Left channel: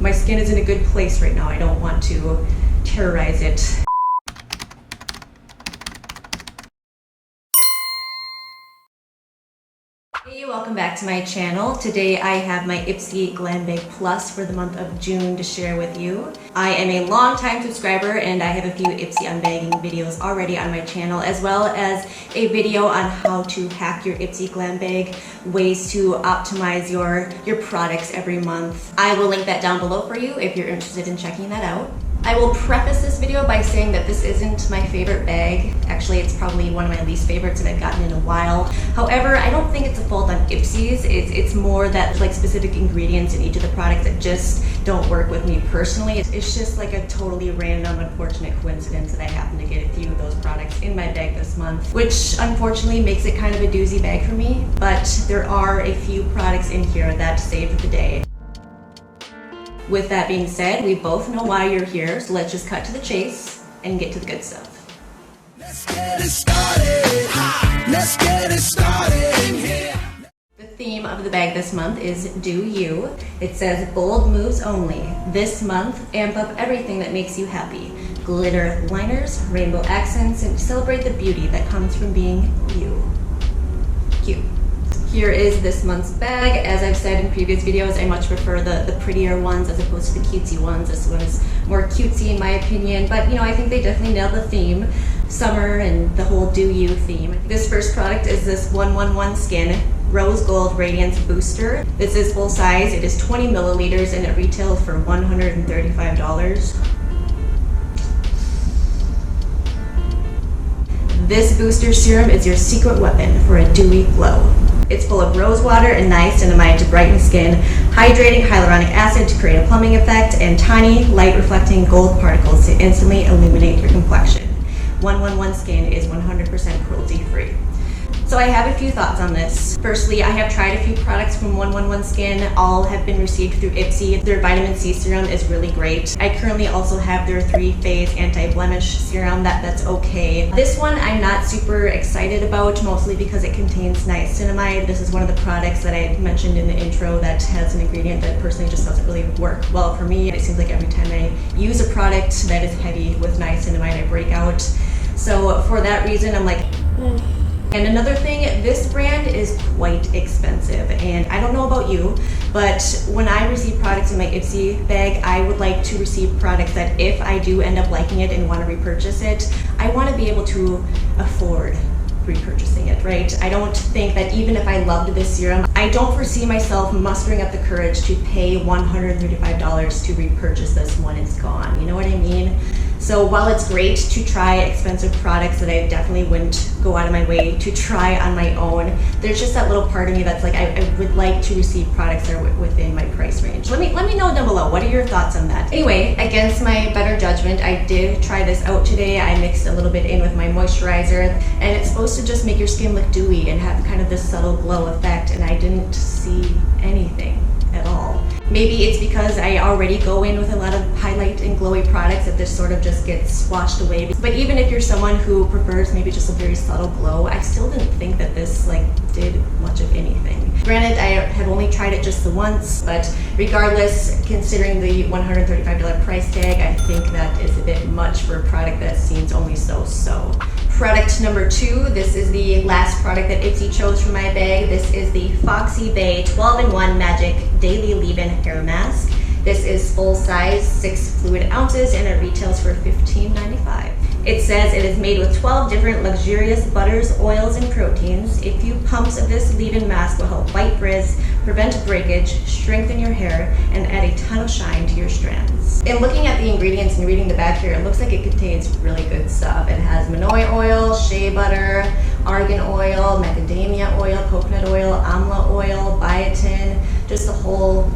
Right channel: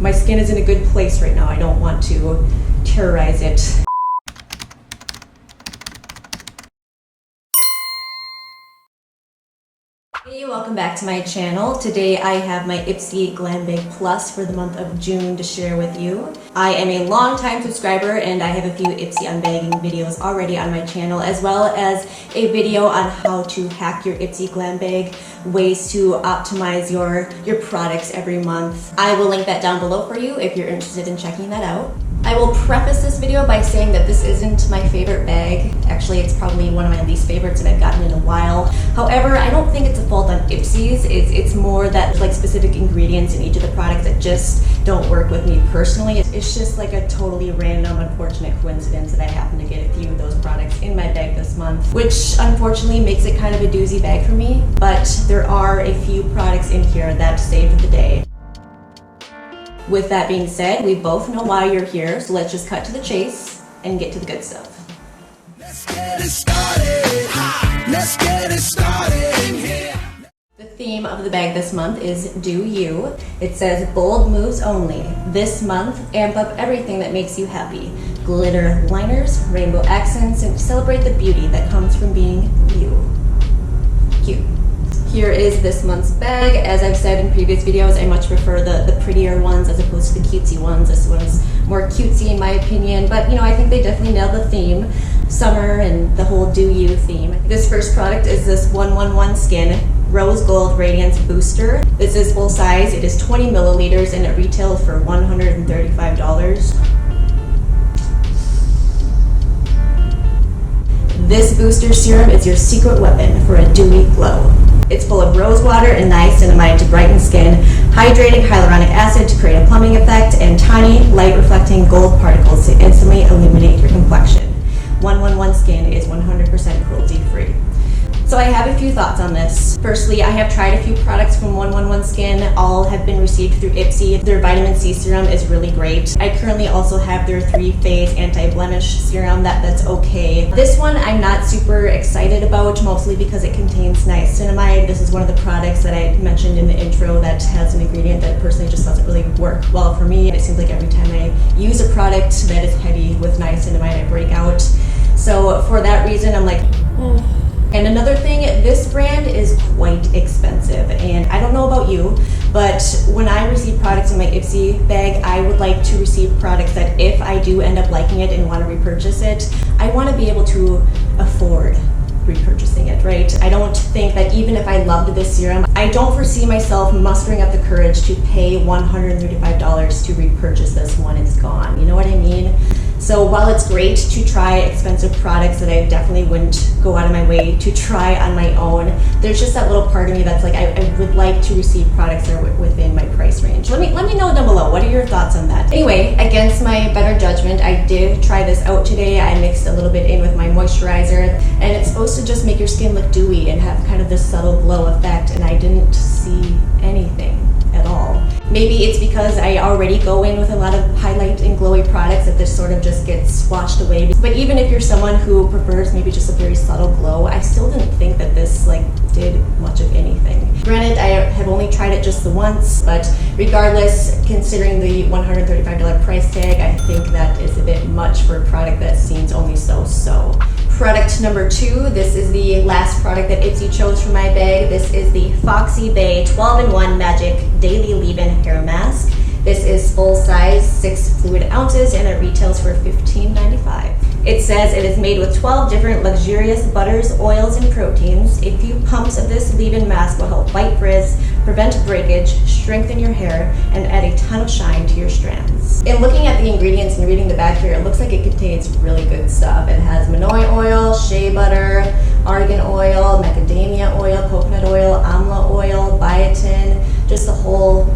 My skin is in a good place right now. I don't want to terrorize it. Hey, welcome back to my channel. Today I have my Ipsy Glam Bag Plus for the month of June to share with you. I am a long-time subscriber and I have a few Ipsy unbagging videos already on my channel, as well as a video on how to hack your Ipsy Glam Bag, ways to optimize your products every month. I will link that down below for you if you're interested in checking that out. I will preface this video by saying that this isn't my favorite bag. Actually, it's probably one of my least favorites that I've gotten in a while. However, I don't think it's a fault on Ipsy's. It's more that like specific ingredients in each of the products that just don't work with me personally. It's just like a totally random, unfortunate coincidence that I happen to get a few of those products in my bag this month, which unfortunately makes it kind of a doozy bag for me. But there are a few products in here that saved the day. With that being said, we both know why you're here, so let's just cut to the chase and get to the good stuff. Let's get it started. Let's get it started in here. The theme of the bag this month is Do You. It says bold moves only. This month, amp up everything that makes you happy. Glitter liners, rainbow accents, and celebrate the beauty that comes from being you. Cute. Here is this month's bag. As I've said in previous videos, I much prefer the prettier ones as opposed to the cutesy ones. This one's more cutesy in my opinion, but you know, I think they definitely nailed the theme. Summer and the whole Do You theme. This first product is this 111 Skin Rose Gold Radiance Booster. This is full size. It is 20 milliliters and it retails for $135. This booster serum is your secret weapon for a dewy glow. It's full of rose water and niacinamide to brighten skin, hydrating hyaluronic acid to create a plumping effect, and tiny light-reflecting gold particles to instantly illuminate your complexion. 111 Skin is 100% cruelty-free. So I have a few thoughts on this. Firstly, I have tried a few products from 111 Skin. All have been received through Ipsy. Their vitamin C serum is really great. I currently also have their 3-phase anti-blemish serum that's okay. This one I'm not super excited about, mostly because it contains niacinamide. This is one of the products that I mentioned in the intro that has an ingredient that personally just doesn't really work well for me. It seems like every time I use a product that is heavy with niacinamide, I break out. So for that reason, I'm like, And another thing, this brand is quite expensive, and I don't know about you, but when I receive products in my Ipsy bag, I would like to receive products that if I do end up liking it and want to repurchase it, I want to be able to afford repurchasing it, right? I don't think that even if I loved this serum, I don't foresee myself mustering up the courage to pay $135 to repurchase this when it's gone. You know what I mean? So while it's great to try expensive products that I definitely wouldn't go out of my way to try on my own, there's just that little part of me that's like, I would like to receive products that are within my price range. Let me know down below, what are your thoughts on that? Anyway, against my better judgment, I did try this out today. I mixed a little bit in with my moisturizer, and it's supposed to just make your skin look dewy and have kind of this subtle glow effect, and I didn't see anything at all. Maybe it's because I already go in with a lot of highlight and glowy products that this sort of just gets washed away. But even if you're someone who prefers maybe just a very subtle glow, I still didn't think that this did much of anything. Granted, I have only tried it just the once, but regardless, considering the $135 price tag, I think that is a bit much for a product that seems only so-so. Product number 2, this is the last product that Ipsy chose for my bag. This is the Foxy Bay 12-in-1 Magic Daily Leave-In Hair Mask. This is full size, 6 fluid ounces, and it retails for $15.95. It says it is made with 12 different luxurious butters, oils, and proteins. A few pumps of this leave-in mask will help fight frizz, prevent breakage, strengthen your hair, and add a ton of shine to your strands. In looking at the ingredients and reading the back here, it looks like it contains really good stuff. It has manoi oil, shea butter, argan oil, macadamia oil, coconut oil, amla oil, biotin, just a whole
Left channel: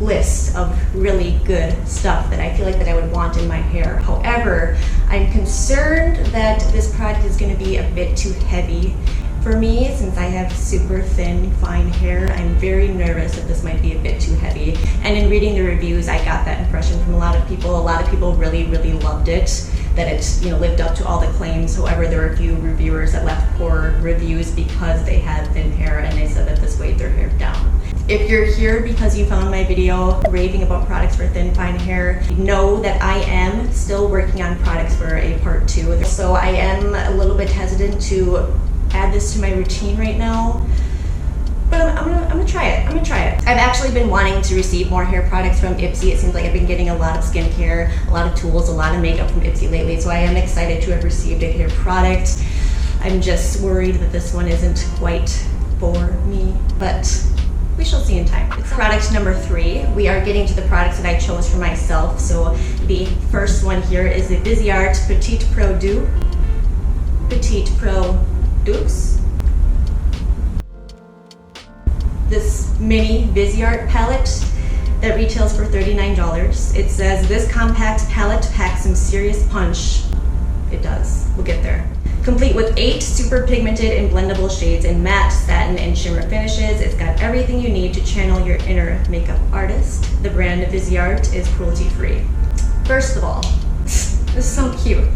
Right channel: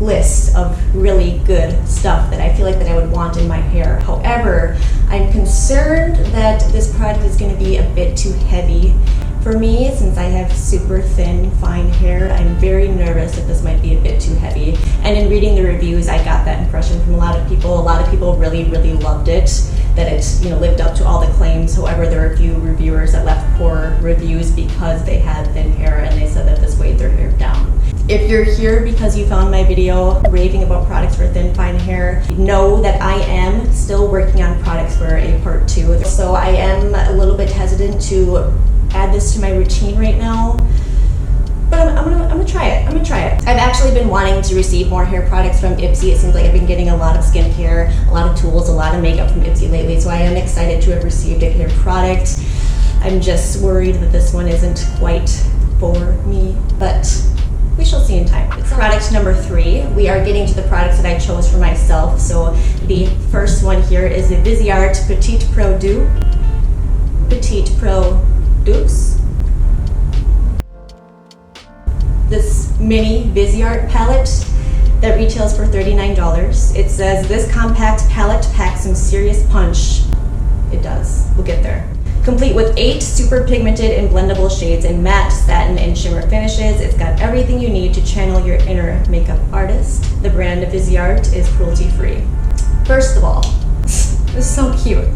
list of really good stuff that I feel like that I would want in my hair. However, I'm concerned that this product is going to be a bit too heavy for me since I have super thin, fine hair. I'm very nervous that this might be a bit too heavy. And in reading the reviews, I got that impression from a lot of people. A lot of people really, really loved it, that it lived up to all the claims. However, there were a few reviewers that left poor reviews because they had thin hair and they said that this weighed their hair down. If you're here because you found my video raving about products for thin, fine hair, know that I am still working on products for a part 2. So I am a little bit hesitant to add this to my routine right now. But I'm gonna try it. I've actually been wanting to receive more hair products from Ipsy. It seems like I've been getting a lot of skincare, a lot of tools, a lot of makeup from Ipsy lately. So I am excited to have received a hair product. I'm just worried that this one isn't quite for me, but we shall see in time. It's product number 3. We are getting to the products that I chose for myself. So the first one here is the Viseart Petite Produce. This mini Viseart palette that retails for $39. It says this compact palette packs some serious punch. It does. We'll get there. Complete with 8 super pigmented and blendable shades in matte, satin, and shimmer finishes. It's got everything you need to channel your inner makeup artist. The brand Viseart is cruelty-free. First of all, it's so cute.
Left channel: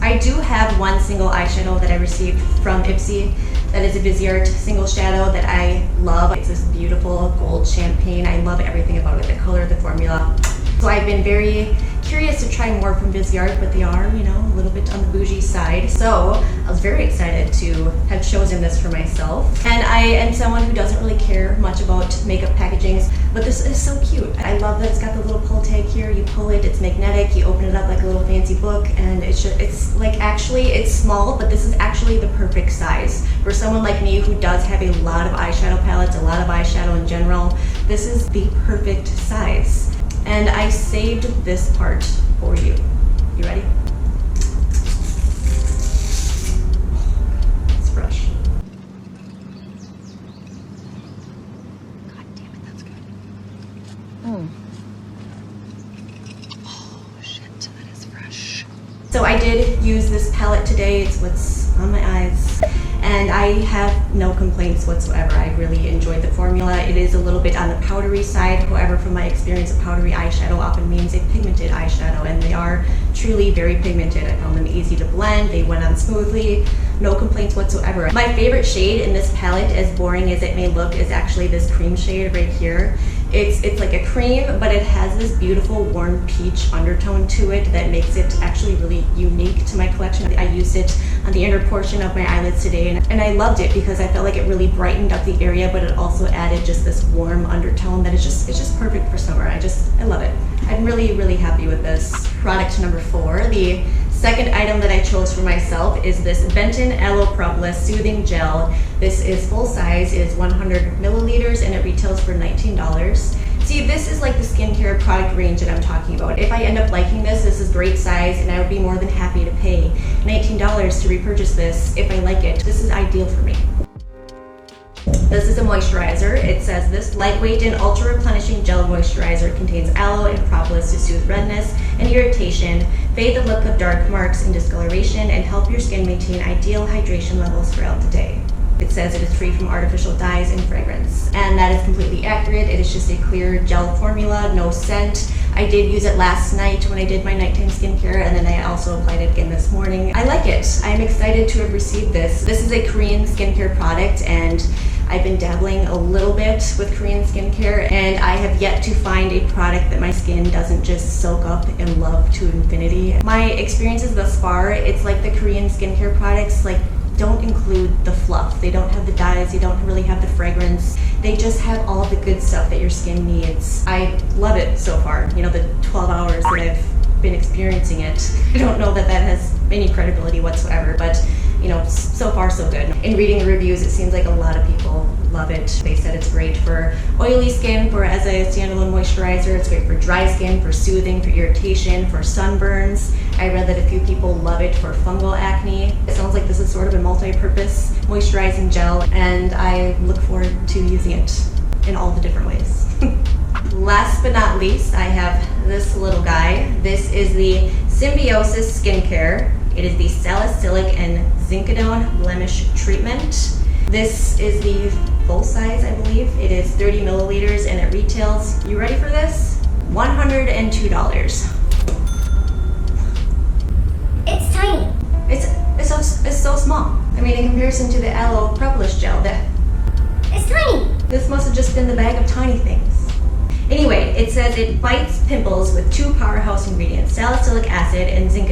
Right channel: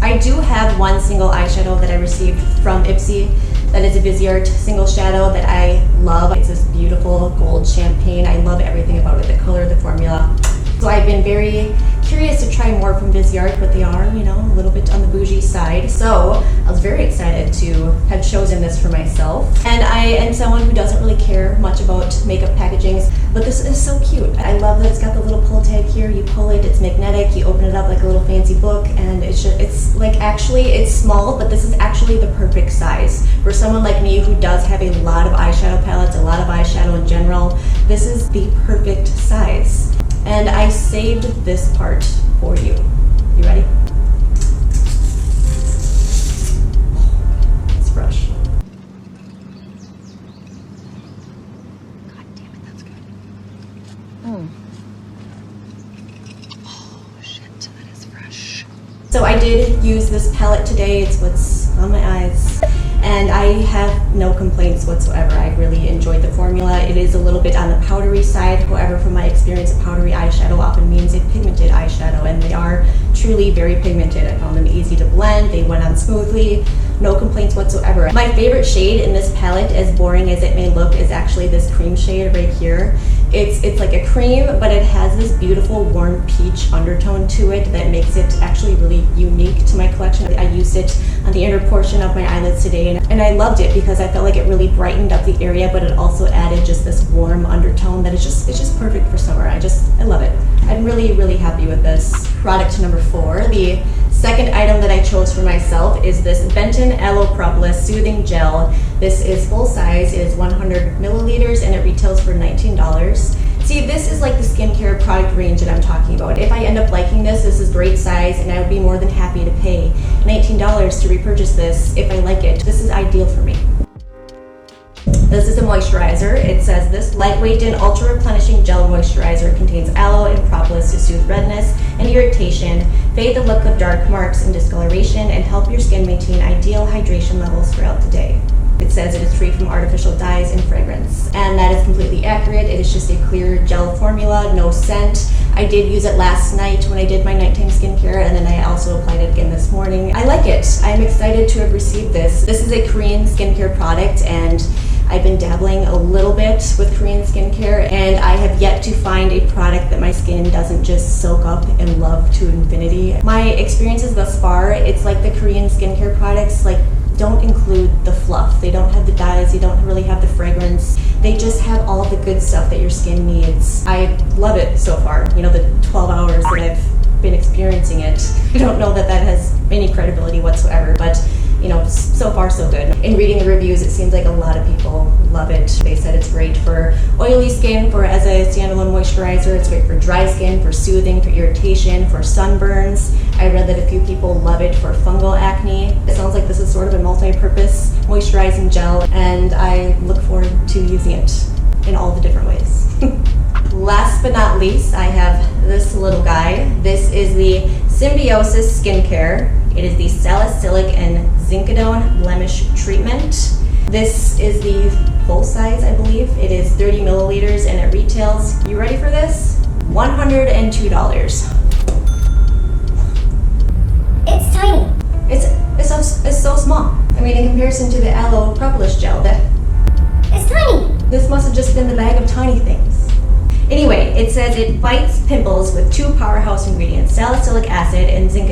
I do have one single eyeshadow that I received from Ipsy. That is a Viseart single shadow that I love. It's this beautiful gold champagne. I love everything about it, the color, the formula. So I've been very curious to try more from Viseart, but they are, you know, a little bit on the bougie side. So I was very excited to have chosen this for myself. And I am someone who doesn't really care much about makeup packagings, but this is so cute. I love that it's got the little pull tag here. You pull it, it's magnetic, you open it up like a little fancy book, and it's like actually, it's small, but this is actually the perfect size. For someone like me who does have a lot of eyeshadow palettes, a lot of eyeshadow in general, this is the perfect size. And I saved this part for you. You ready? It's fresh. God damn it, that's good. Oh shit, that is fresh. So I did use this palette today. It's what's on my eyes. And I have no complaints whatsoever. I really enjoyed the formula. It is a little bit on the powdery side. However, from my experience, a powdery eyeshadow often means a pigmented eyeshadow, and they are truly very pigmented. I found them easy to blend. They went on smoothly. No complaints whatsoever. My favorite shade in this palette, as boring as it may look, is actually this cream shade right here. It's like a cream, but it has this beautiful warm peach undertone to it that makes it actually really unique to my collection. I used it on the inner portion of my eyelids today, and I loved it because I felt like it really brightened up the area, but it also added just this warm undertone that it's just perfect for summer. I love it. I'm really happy with this. Product number 4, the second item that I chose for myself is this Benton Aloe Propolis Soothing Gel. This is full size, it is 100 milliliters, and it retails for $19. See, this is like the skincare product range that I'm talking about. If I end up liking this is great size, and I would be more than happy to pay $19 to repurchase this if I like it. This is ideal for me. This is a moisturizer. It says this lightweight and ultra replenishing gel moisturizer contains aloe and propolis to soothe redness and irritation, fade the look of dark marks and discoloration, and help your skin maintain ideal hydration levels throughout the day. It says it is free from artificial dyes and fragrance, and that is completely accurate. It is just a clear gel formula, no scent. I did use it last night when I did my nighttime skincare, and then I also applied it again this morning. I like it. I'm excited to have received this. This is a Korean skincare product, and I've been dabbling a little bit with Korean skincare, and I have yet to find a product that my skin doesn't just soak up and love to infinity. My experiences thus far, it's like the Korean skincare products don't include the fluff. They don't have the dyes, they don't really have the fragrance. They just have all the good stuff that your skin needs. I love it so far. You know, the 12 hours that I've been experiencing it, I don't know that has any credibility whatsoever, but you know, so far so good. In reading the reviews, it seems like a lot of people love it. They said it's great for oily skin, as a standalone moisturizer. It's great for dry skin, for soothing, for irritation, for sunburns. I read that a few people love it for fungal acne. It sounds like this is sort of a multi-purpose moisturizing gel, and I look forward to using it in all the different ways. Last but not least, I have this little guy. This is the Symbiosis Skincare. It is the Salicylic and Zinc-O-Done Blemish Treatment. This is the full size, I believe. It is 30 milliliters and it retails, you ready for this? $102. It's tiny. It's so small. I mean, in comparison to the Aloe Propolis Gel, tiny. This must have just been the bag of tiny things. Anyway, it says it fights pimples with 2 powerhouse ingredients, salicylic acid and zinc.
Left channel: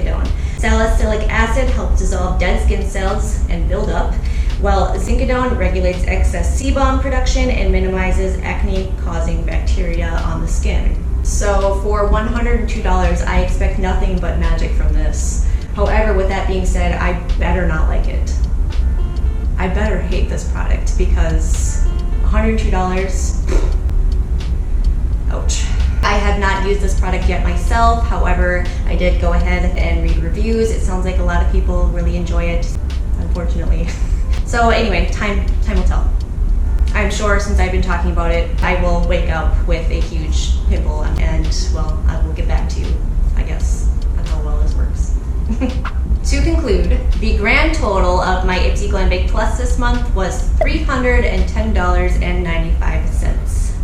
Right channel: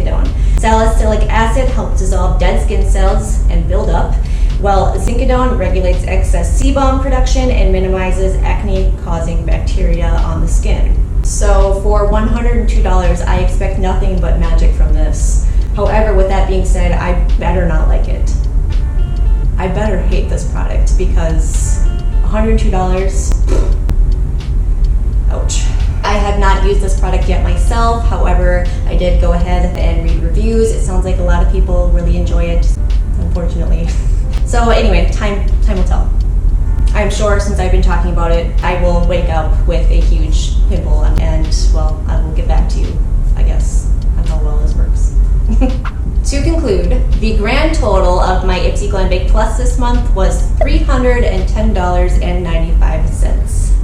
Salicylic acid helps dissolve dead skin cells and build up, while zinc regulates excess sebum production and minimizes acne-causing bacteria on the skin. So for $102, I expect nothing but magic from this. However, with that being said, I better not like it. I better hate this product because $102, ouch. I have not used this product yet myself. However, I did go ahead and read reviews. It sounds like a lot of people really enjoy it, unfortunately. So anyway, time will tell. I'm sure since I've been talking about it, I will wake up with a huge pimple and, well, I will get back to you, I guess, on how well this works. To conclude, the grand total of my Ipsy Glam Bag Plus this month was $310.95.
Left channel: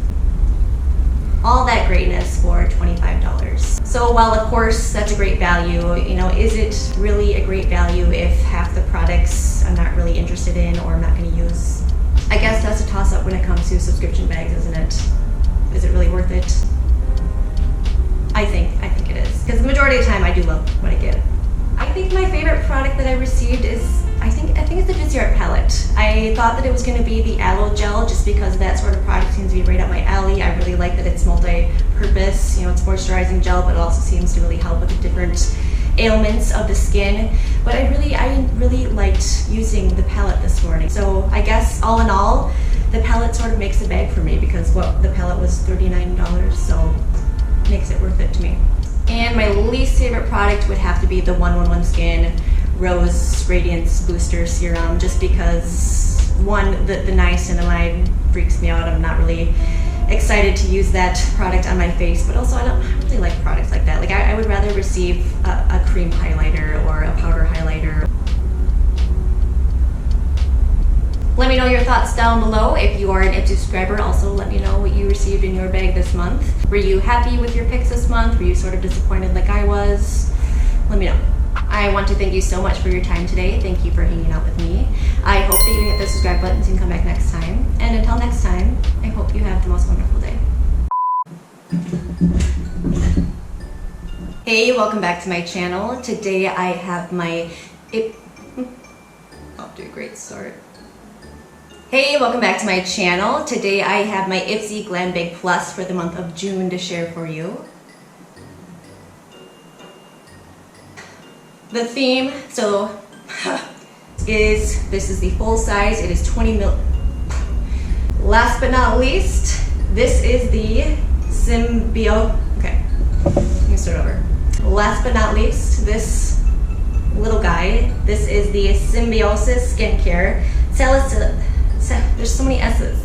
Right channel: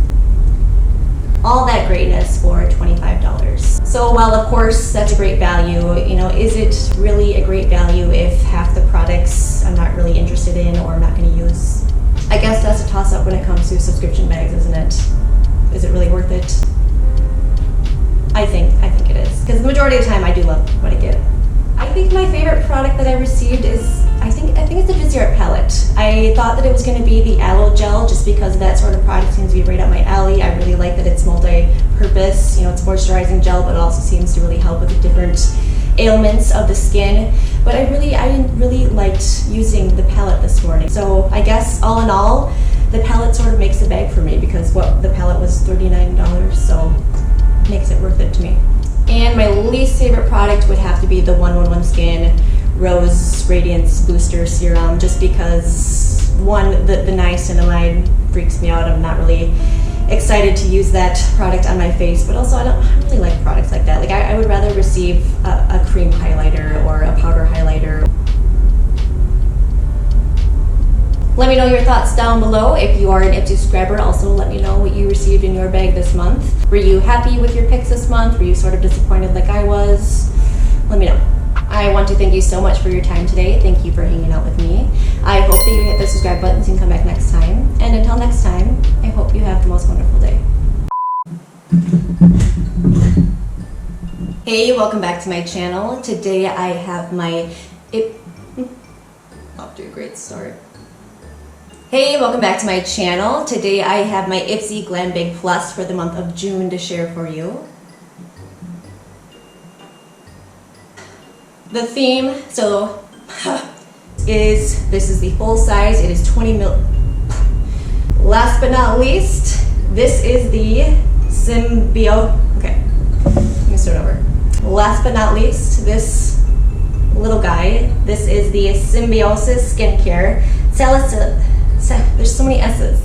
All that greatness for $25. So while of course that's a great value, you know, is it really a great value if half the products I'm not really interested in or I'm not going to use? I guess that's a toss-up when it comes to subscription bags, isn't it? Is it really worth it? I think it is, because the majority of the time I do love what I get. I think my favorite product that I received is, I think it's the Busy Art palette. I thought that it was going to be the aloe gel just because that sort of product seems to be right up my alley. I really like that it's multi-purpose. You know, it's a moisturizing gel, but it also seems to really help with the different ailments of the skin. But I really liked using the palette this morning. So I guess all in all, the palette sort of makes the bag for me because the palette was $39, so it makes it worth it to me. And my least favorite product would have to be the 111 Skin Rose Radiance Booster Serum, just because one, the niacinamide freaks me out. I'm not really excited to use that product on my face, but also I don't really like products like that. Like I would rather receive a cream highlighter or a powder highlighter. Let me know your thoughts down below. If you are an Ipsy subscriber, also let me know what you received in your bag this month. Were you happy with your picks this month? Were you sort of disappointed like I was? Let me know. I want to thank you so much for your time today. Thank you for hanging out with me. I hope that you hit the subscribe button so you can come back next time. And until next time, I hope you have the most wonderful day. Hey, welcome back to my channel. Today I have my off to a great start. Hey, welcome back to my channel. Today I have my Ipsy Glam Bag Plus for the month of June to share for you. The theme, this is the full size. It is 20 mil. Last but not least, this is the okay, let me start over. Last but not least, this little guy, this is the Symbiosis Skincare Salicylic. There's so many S's.